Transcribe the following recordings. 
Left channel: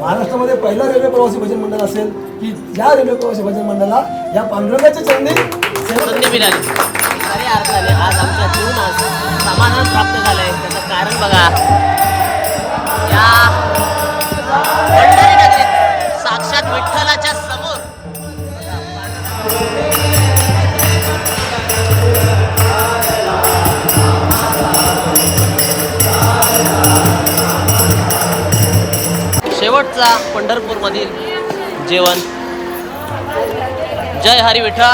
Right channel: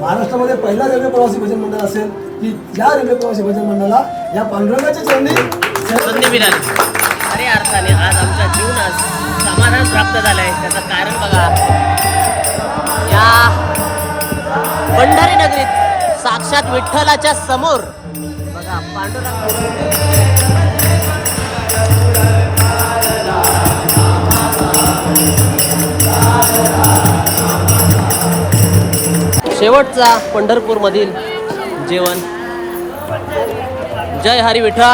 महाराष्ट्रामध्ये पहिला रेल्वे प्रवासी भजन मंडळ असेल की या रेल्वे प्रवासी भजन मंडळाला या पांडुरंगाच्या चरणी संधी मिळाली. अरे अर्थाने आज आमच्या जीवनात समाधान प्राप्त झालं आहे त्याचं कारण बघा. या पंढरी नगरीत साक्षात विठ्ठलाच्या समोर बघा, पांडुरंग शेवटचा पंढरपूरमधील जेवण. जय हरी विठा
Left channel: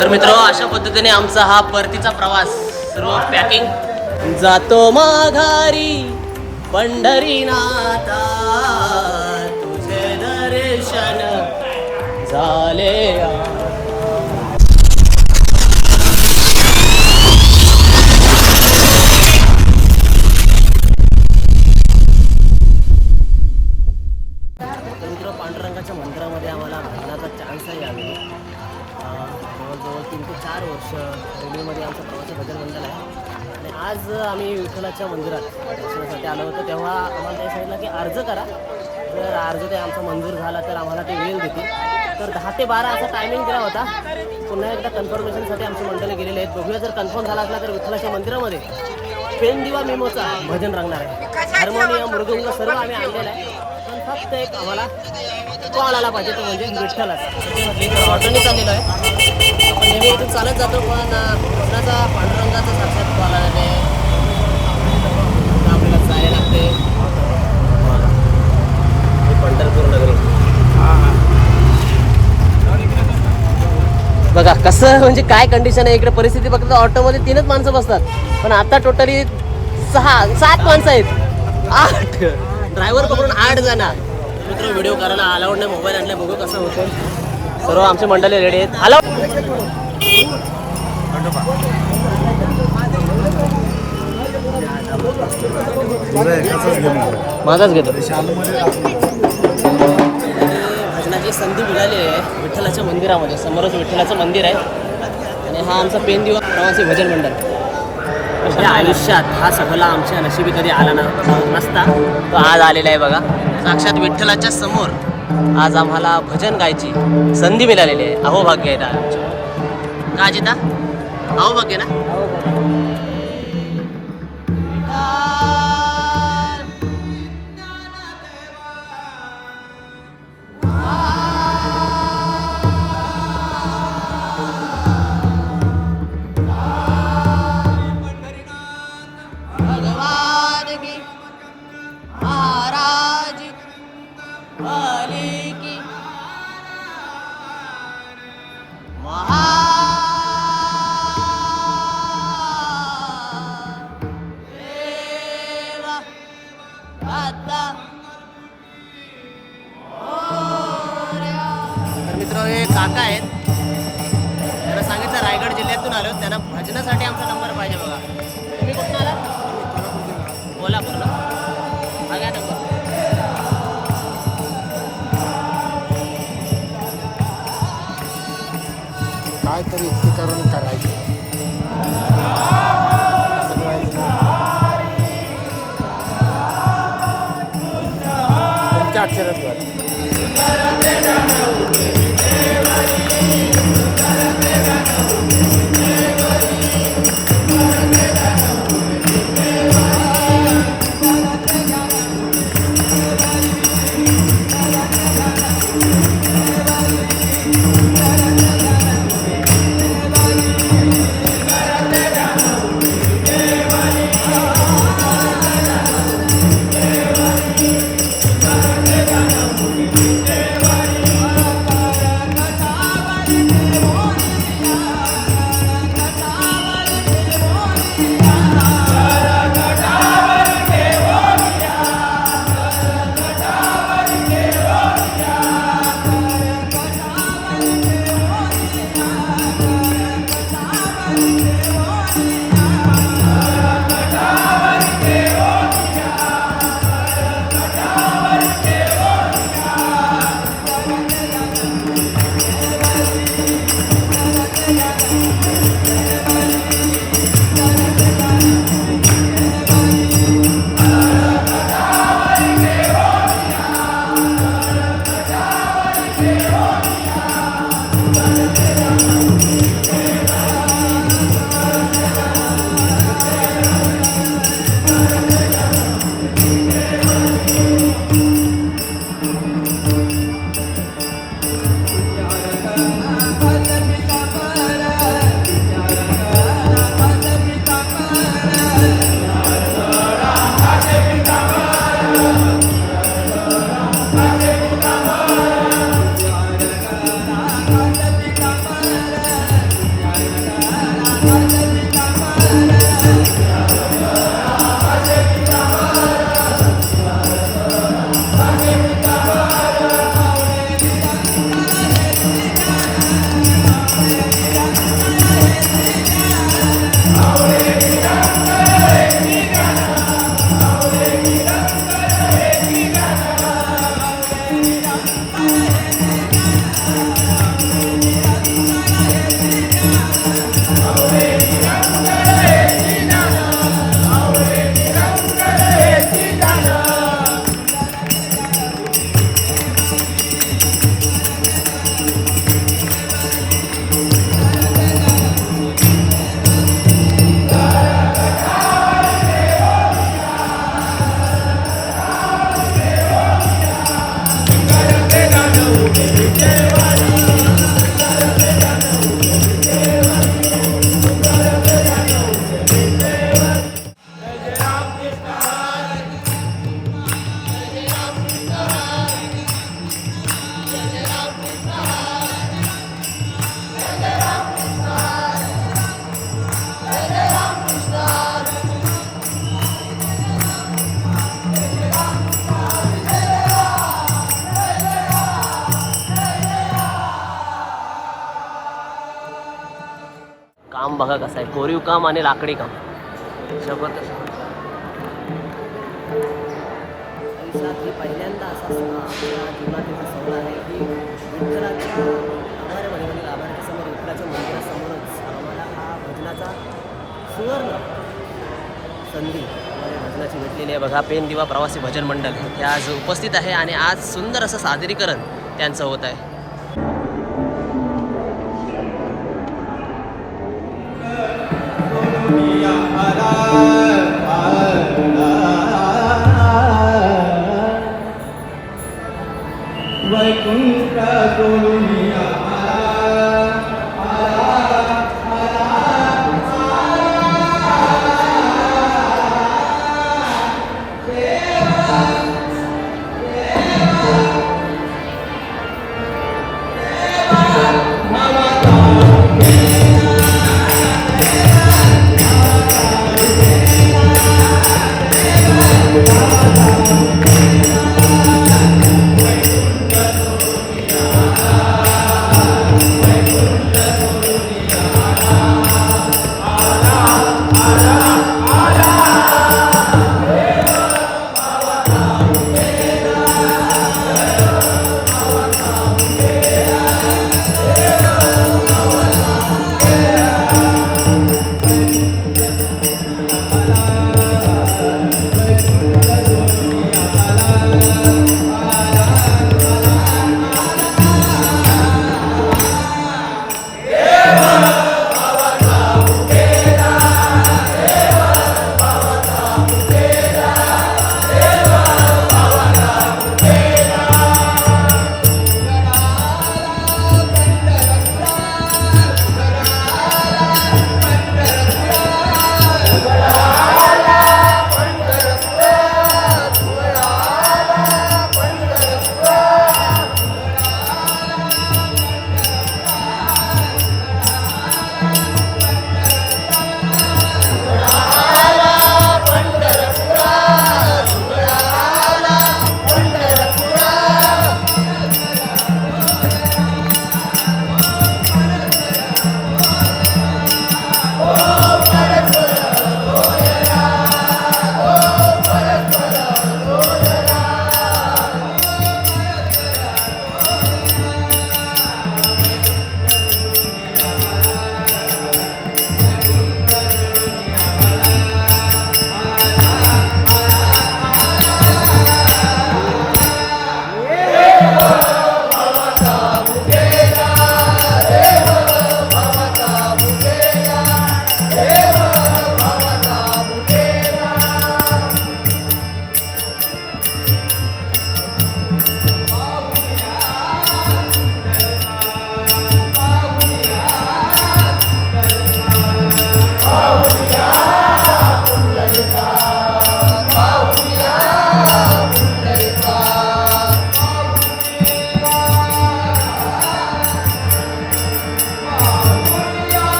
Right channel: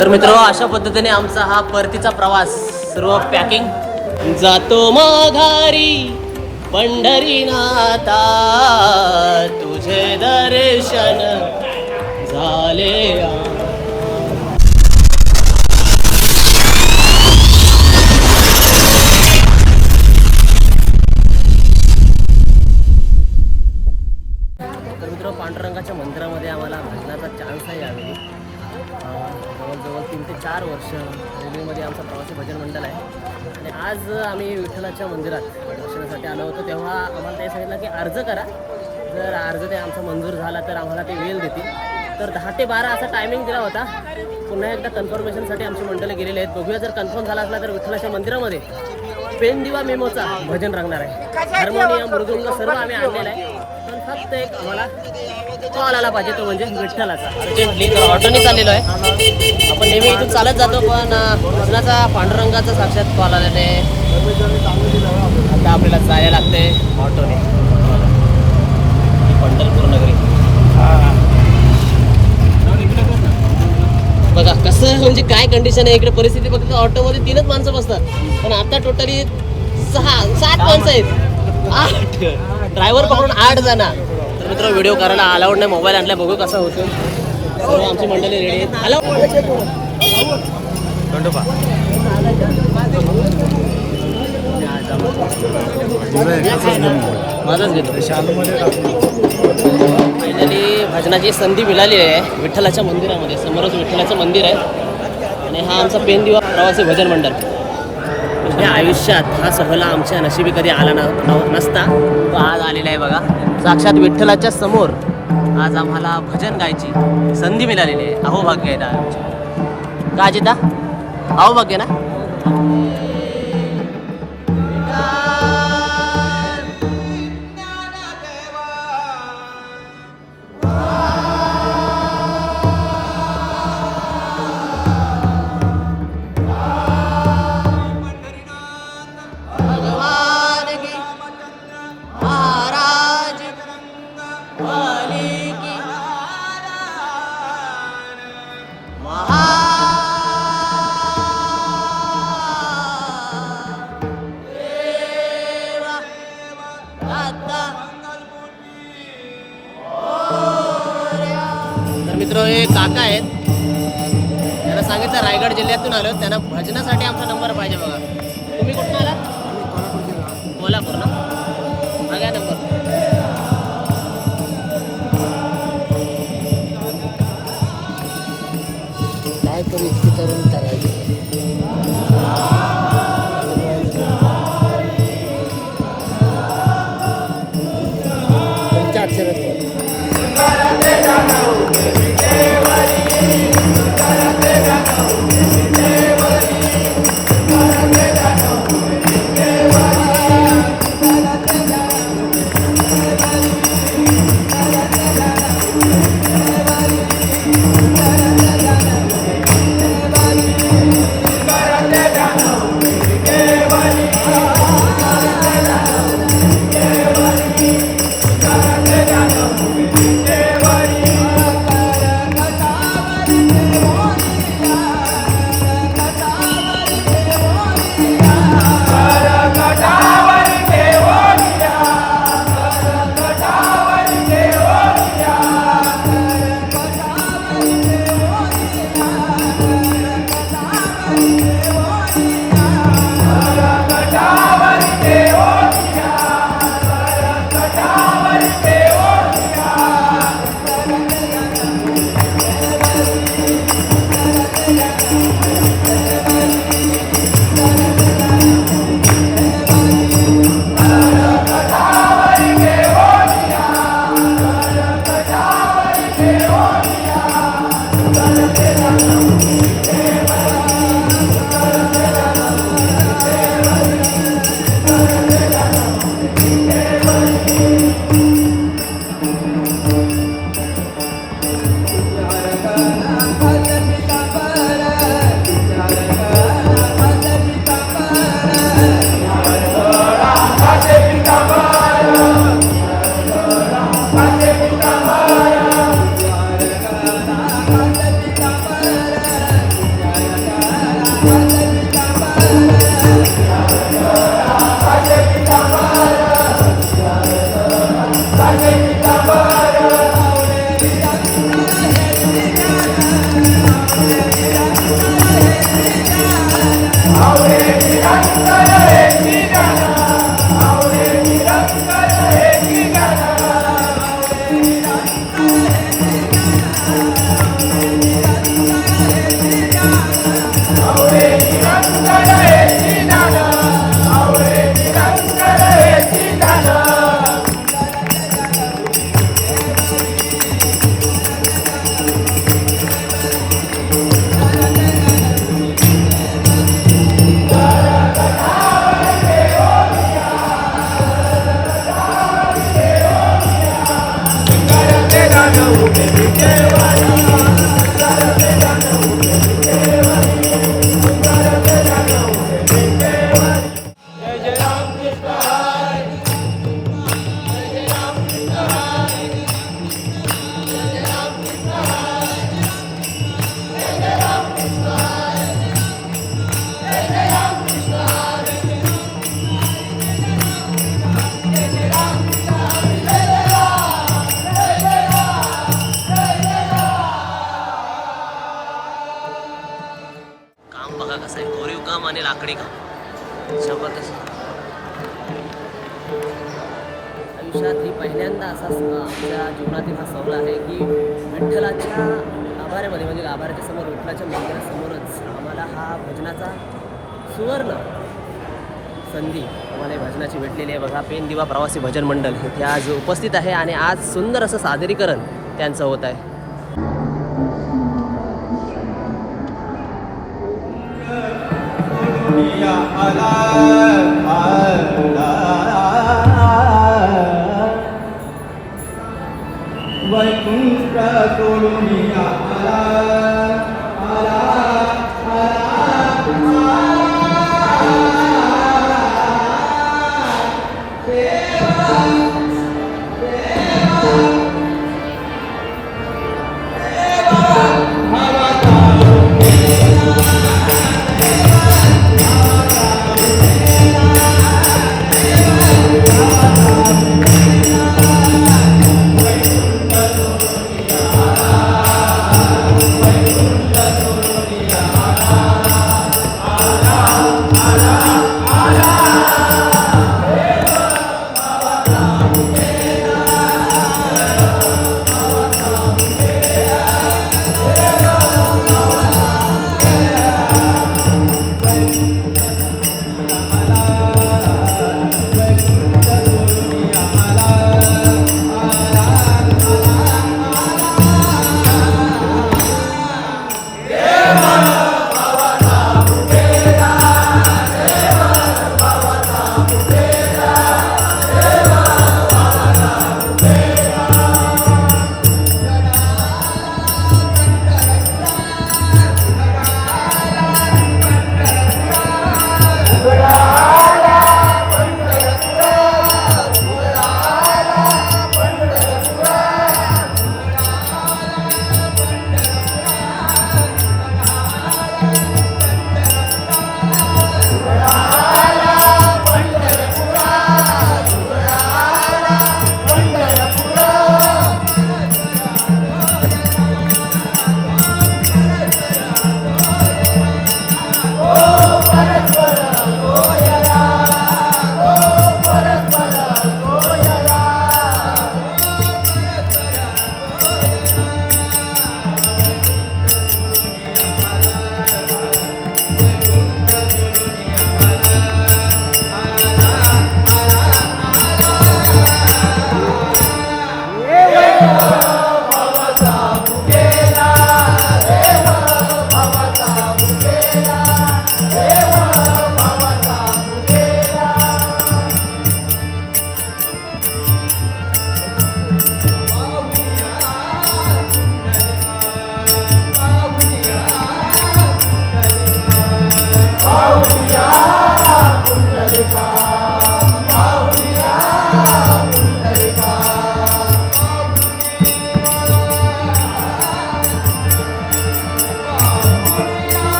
तर मित्र अशा पद्धतीने आमचा हा परतीचा प्रवास सर्व पॅकिंग जातो माघारी पंढरीनाथा तुझे दर्शन झाले अर्ज ते आमचा मंजूर झाला तर आम्हाला ते वेळ देतील. तर दहा ते बारा असा टायमिंग दिला होता. पुन्हा एकदा कन्फर्मेशनसाठी आमची मंडळी गेलेले आहेत. बघूया जर कन्फर्म झाला असला तर विठ्ठलाच्या मंदिरामध्ये पेंदिवा मेमोचा भजन रंगणार आहे. हार्मोनियम मृदुंग सर्व आम्ही आणलेलं आहे. पण फक्त एक आम्हाला कॉल आला पाहिजे तो म्हणजे विठ्ठलाचा. अर्जंटली आलेलो ऑटोने चाललेलो आहे. आपण नेहमी इथून चालत जातो पण कृष्णाचा पांडुरंगाचा साक्षात कॉल आलेला आहे. आता आपल्याला जायला लागते ऑटोने पंढरपूर नगरी. बघा कसं म्हणजे काय कंडिशन आहे? इकडे परिस्थिती बघता ऑटोमध्ये तीनच माणसं बसतात. पण आता टोटली सहा सात माणसं आहेत. आठ. ड्रायव्हर पकडून आठ जण मित्र व्हिडिओ करायला अलाउड नाही. मोबाईल आणलाय. बघू कसं होतं सर्व आमची मंडळी रेडी आहेत. अलाउड माझाच घेतो. आणि भजनाची संधी मिळाली आहे विठ्ठलाच्या मंदिरामध्ये समोरच विठ्ठलाचं मंदिर आहे. आणि हा आमचा पेनदिवा प्रवासी भजन मंडळ. या आयुष्यात हा सोहळा आमच्या नशिबी कधी आला न नसता. तो आज आलेला आहे बघा. साक्षात विठ्ठलाच्या समोर आज आम्हाला भजन गायची संधी मिळालेली आहे. अहो भाग्य आहे आमच्या का अजिता? अहो भाग्य ना? मित्र हे काका आहेत. त्यांना सांगितलं रायगड जिल्ह्यातून आलो. त्यांना भजनासाठी आमचा नंबर पाहिजे बघा. तुम्ही कुठून काम आणि लाकडी काम. जबरदस्त. आयुष्यात ही पहिल्यांदा असा आमच्या जीवनातील हा सौल आहे की विठ्ठलाच्या आभारामध्ये म्हणजे आभाराच्या समोर विठ्ठलाच्या मंदिरासमोरच आम्हाला हा भजनाचा सुवर्ण संधी आम्हाला भजनाची भेटलेली आहे. बघा पेन दिवा प्रवासी भजन मंडळ हे आज उपस्थित आहे आणि आज सुंदर असं सादरीकरण त्यांचं होत आहे. Allah.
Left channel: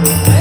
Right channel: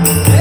Amen.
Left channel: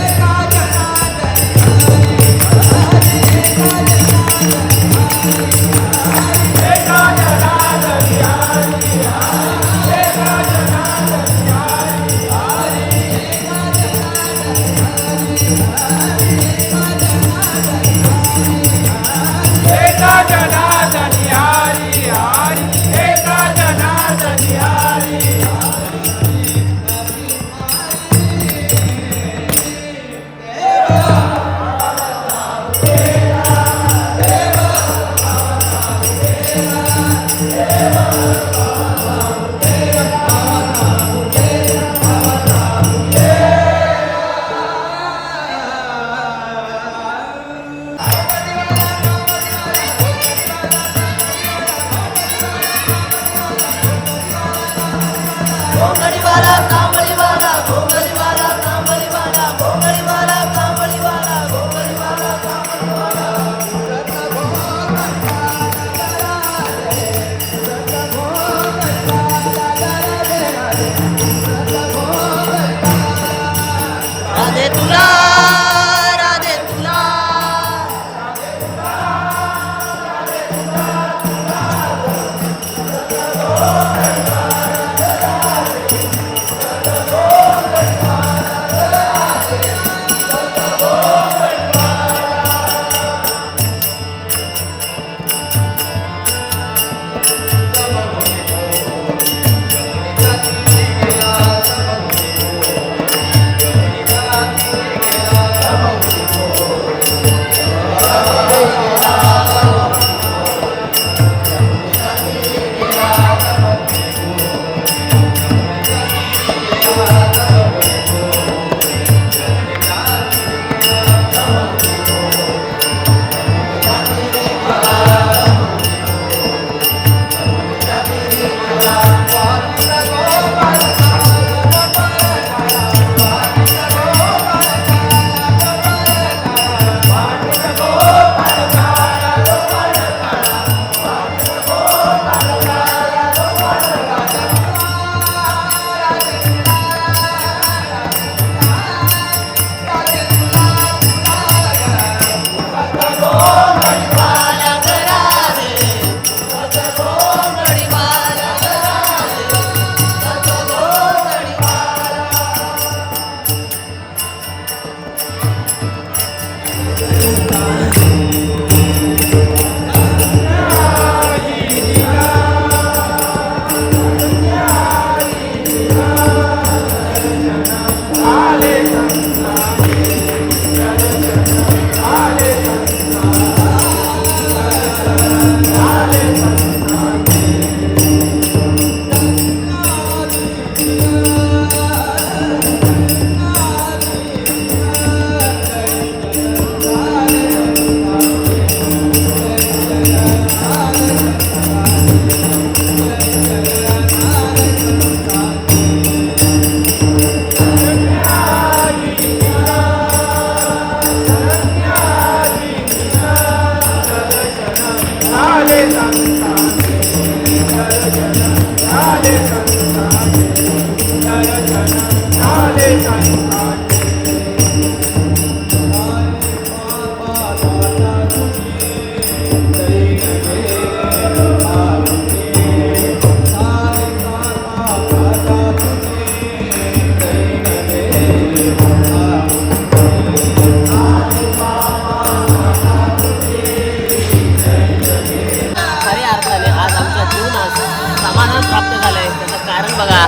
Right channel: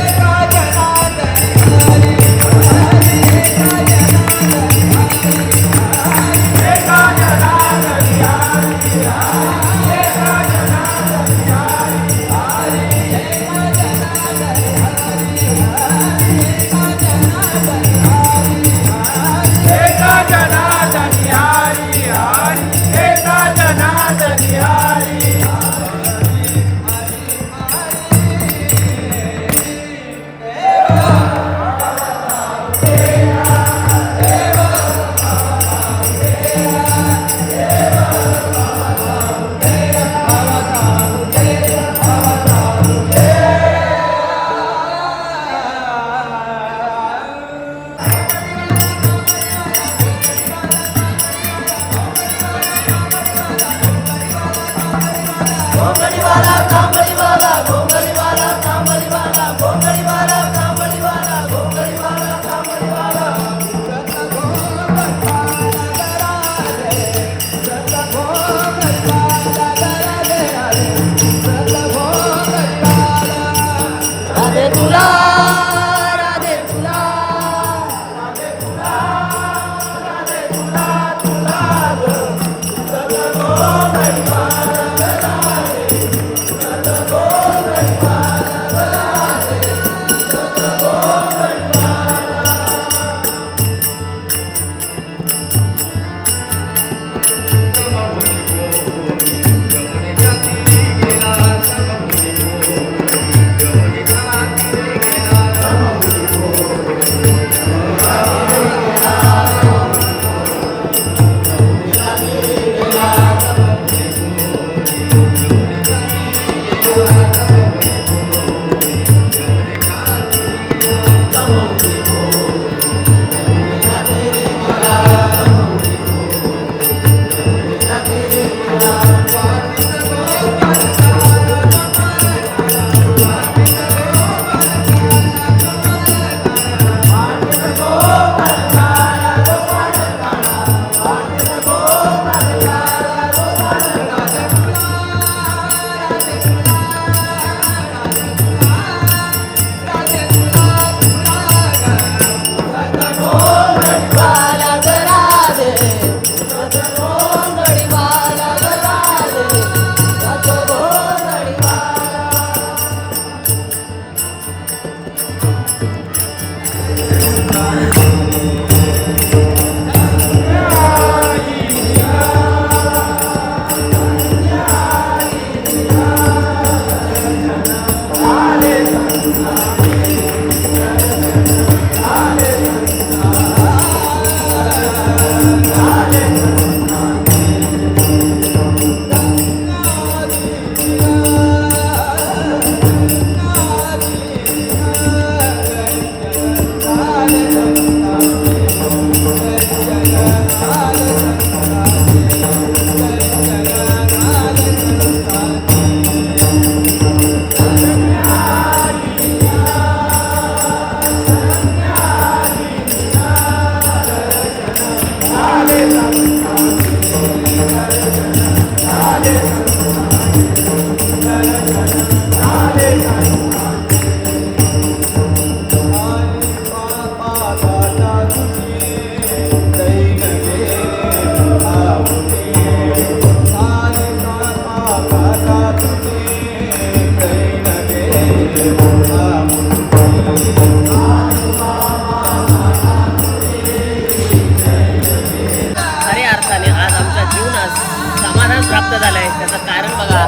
खऱ्या अर्थाने आज आमच्या जीवनात समाधान प्राप्त झालंय. त्याचं कारण बघा.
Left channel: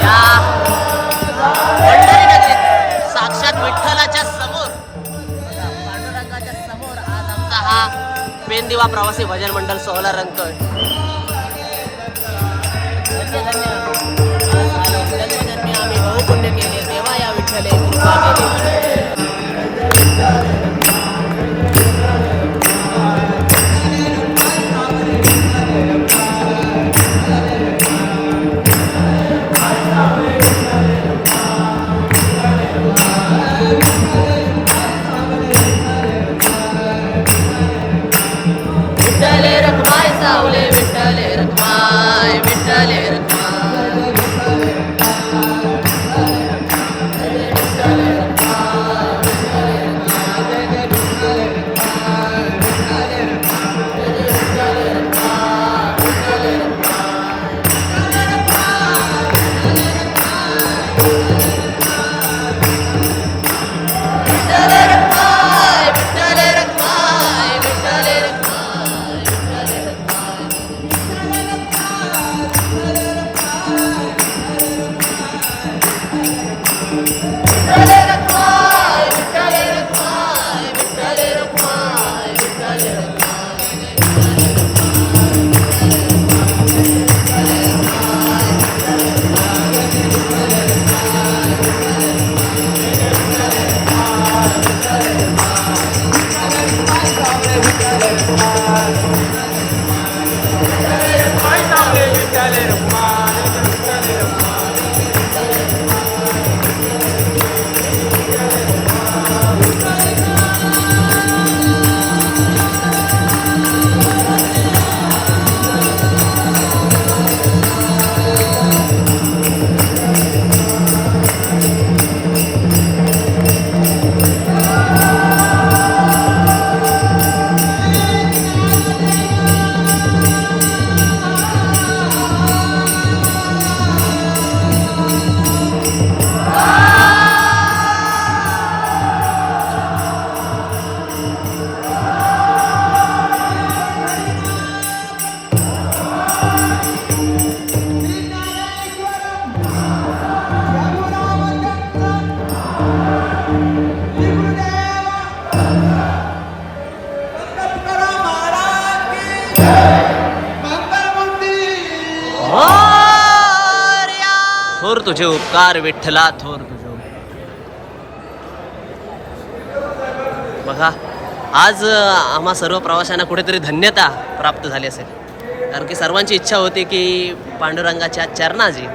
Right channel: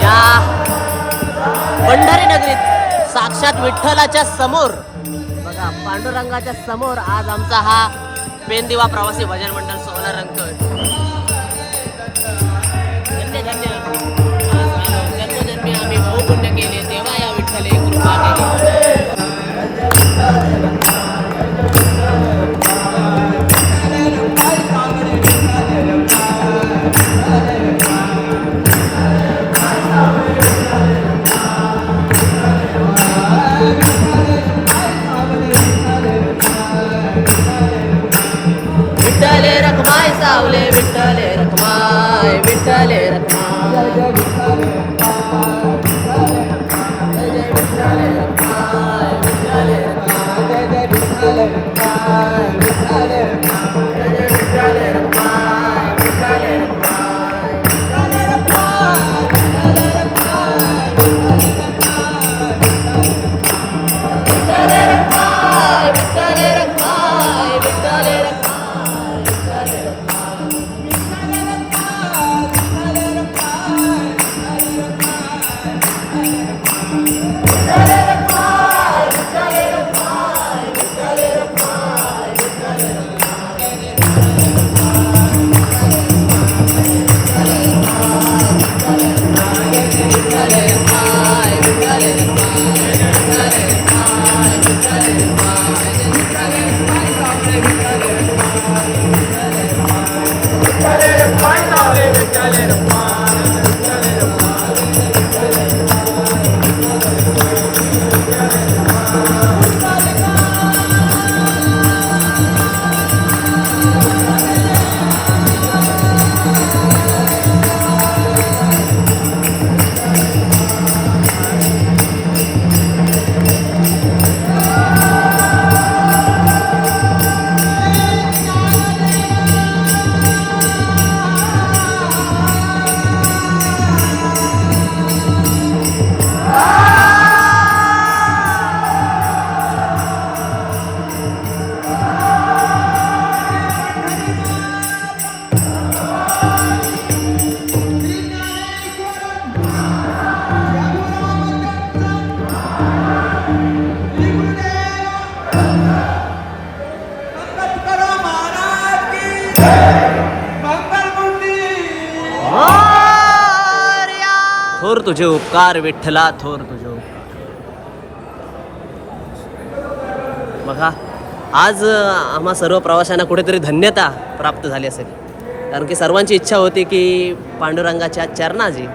या पंढरी नगरीत साक्षात विठ्ठलाच्या समोर बघा पांडुरंगाच्या समोर आज आमचा हा पेनदिवा प्रवासी भजन मंडळ सोहळा रंगतोय विठ्ठले कृपा तुझे उपकार विठ्ठला थोर तुझे बघा आज आम्हा सर्व प्रवाशांना कुठेतरी धन्यता प्राप्त झाली असेल. कारण की सर्वांची इच्छा होती की पांडुरंगाच्या चरणाजी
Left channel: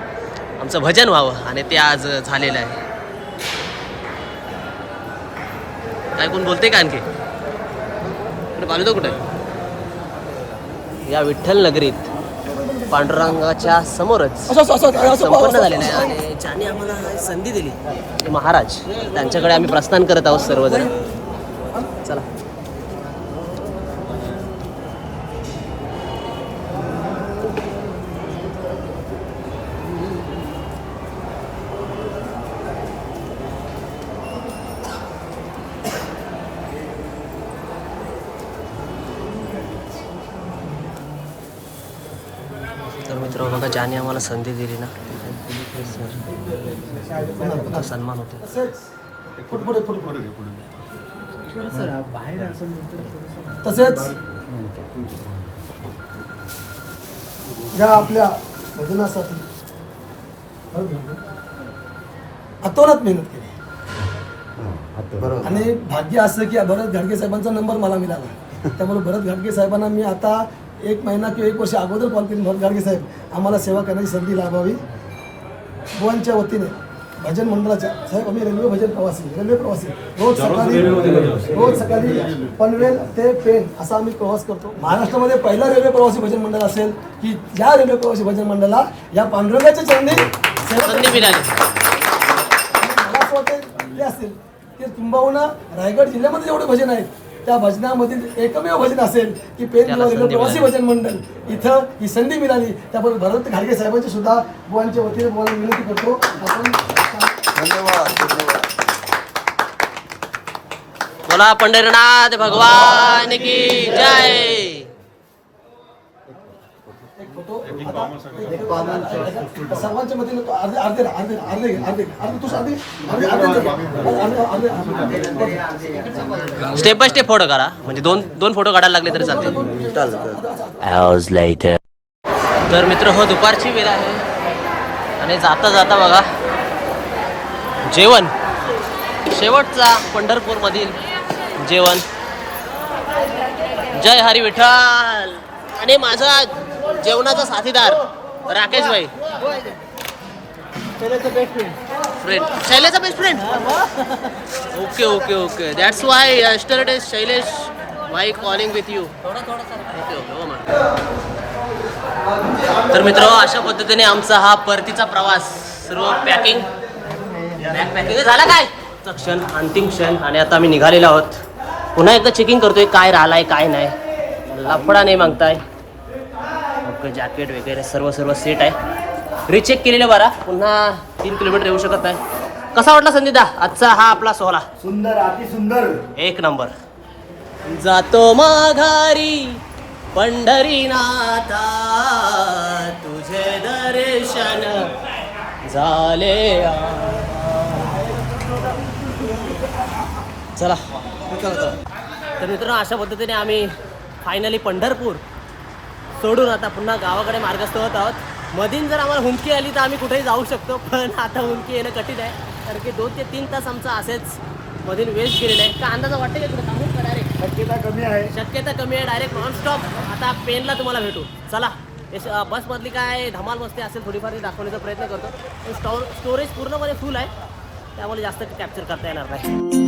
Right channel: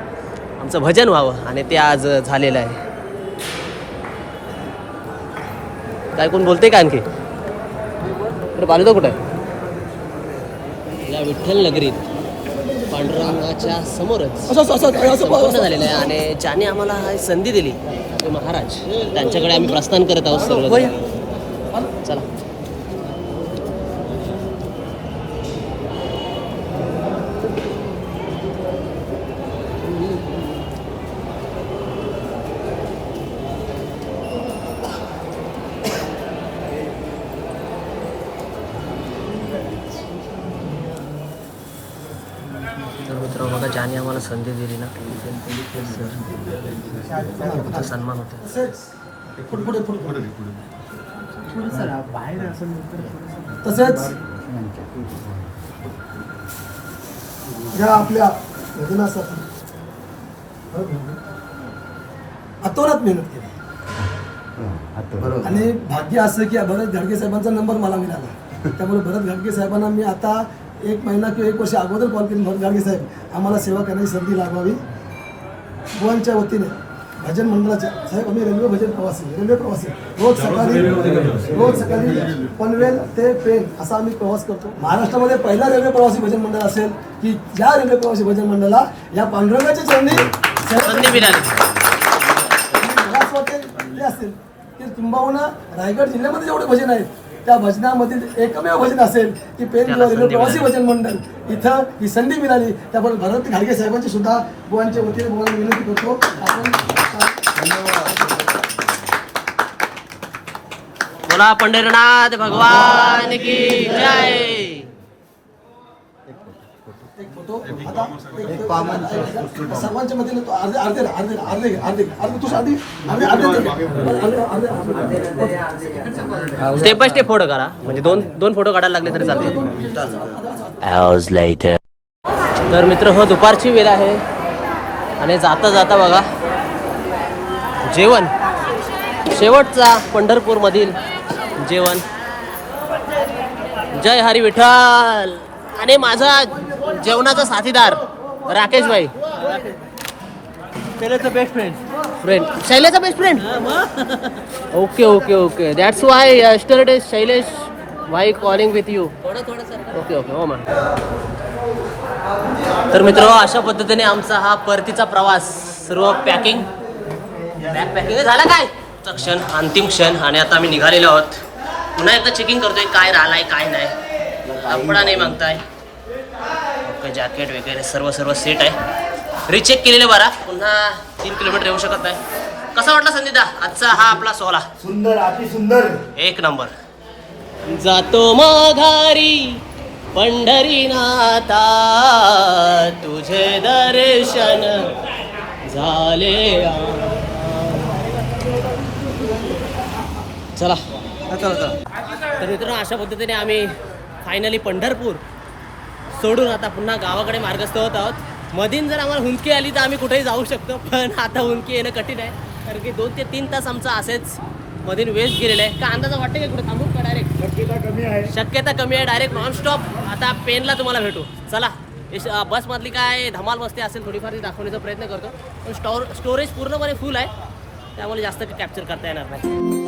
आमचं भजन व्हावं आणि ते आज झालेलं आहे. काय कोण बोलते का आणखी? बालू तो कुठं या विठ्ठल नगरीत. पांडुरंगाच्या समोरच संपन्न झालेलं आहे. आणि ज्याने आम्हाला ही संधी दिली महाराज. त्यांच्याकडे आम्ही प्रस्थान करत आहोत सर्वजण. चला तर मित्र त्यांनी आम्हाला संधी दिली ना. तो सन्मान होतो तसेच या आपल्या भजनासाठी अतोनात मेहनत केली. आणि भाग्य असं की भरत घाडगे साहेबांचा नंबर मला मिळाला. त्यामुळे भरत घाडगे साहेबांना मी आता एक महिना किंवा एक वर्ष अगोदर कॉल केली. भरत घाडगे साहेब आम्हाला सेवा करण्याची संधी लाभावी. बुवांच्या वतीने भजन मंडळाच्या साहेब आम्ही रेल्वे भजन प्रवासी रेल्वे प्रवासी. रोज सकाळी रोज सकाळी पनवेल ते पेन असा आम्ही प्रवास करतो. महाराष्ट्रामध्ये पहिला रेल्वे प्रवासी भजन मंडळ असेल की ज्या रेल्वे प्रवासी भजन मंडळाला या पांडुरंगाच्या चरणी मिळाली. मला असं वाटतं असेल की तुंबावून रायगड जिल्ह्यामध्ये जेवढे भजन आहेत त्या भजनामधील एकमेव भजन असेल की पेन प्रवासी. भजन मंडळ. इथं ही संधी मिळाली. त्याबद्दल भरत घाडगे साहेबांची सुद्धा बुवांच्या वतीने बुवांना विनंती करतो. बोला पंढरीनाथ भगवान की जय एक सर्वांच्या अर्धे अर्धे अर्धे अर्धे अर्धे अर्धे स्टेप बाय स्टेप फोटो काढा म्हणजे दोन दोन फोटो काढायला लागले तरी चालते तर मित्र हो दुपारची वेळ आहे आणि जाता जाता बघा जेवण शेवटचा पंढरपूरमधील जेवण जय हरी विठ्ठल आणि माझा जेवणाचा साथीदार Rakesh bhai. Friend शैलेचा best friend okay okay okay that's why yesterday Shailesh why calling with you थोडं थोडं ओके ओके हो मॅम तर मित्र अशा पद्धतीने आमचा हा परतीचा प्रवास सर्व पॅकिंग बॅग पॅकिंग झाला काय? चा क्षण अंतिम क्षण. आणि आता आम्ही निघालेलो आहोत. पुन्हा एकदा चेकिंग करतोय काय राहिलाय काय नाही. लफडा नाही मागताय. ओके जॅकेट वगैरे सर्व सर्व सेट आहे. रिचेक केलेलं बरा. पुन्हा तीन किलोमीटर येऊ शकत नाही. कसा वाटला संदीदा आजचा हा आपला सोहळा. सुंदर अति सुंदर. एक नंबर. जातो माघारी पंढरीनाथा. तुझे दर्शन झाले आ. चला. तर मित्रांनो अशा पद्धतीने आम्ही फायनली पंढरपूर सोडून आता पुन्हा गावाकडे मार्गस्थ होत आहोत. मधीन जर आम्हाला हुंदकी आली तर आम्ही कुठेही जाऊ शकतो पण आता हुंदकी येणं कठीण आहे. कारण की दोन ते तीन तास आमचा असेच मधीन वेस्ट गेलेला आहे. का अंदाजा वाटते का कुठे? थांबू का डायरेक्ट शक्यता कमी आहे. शक्यता कमी आहे डायरेक्ट नॉनस्टॉप आता पेनला तुम्हाला भेटू. चला. बसमधली काय धमाल मस्ती असेल थोडीफार ती दाखवण्याचा प्रयत्न करतो. पण स्टोर स्टोरेज पूर्णपणे फुल आहे. त्यामुळे जास्त कॅप्चर करता येणार नाही.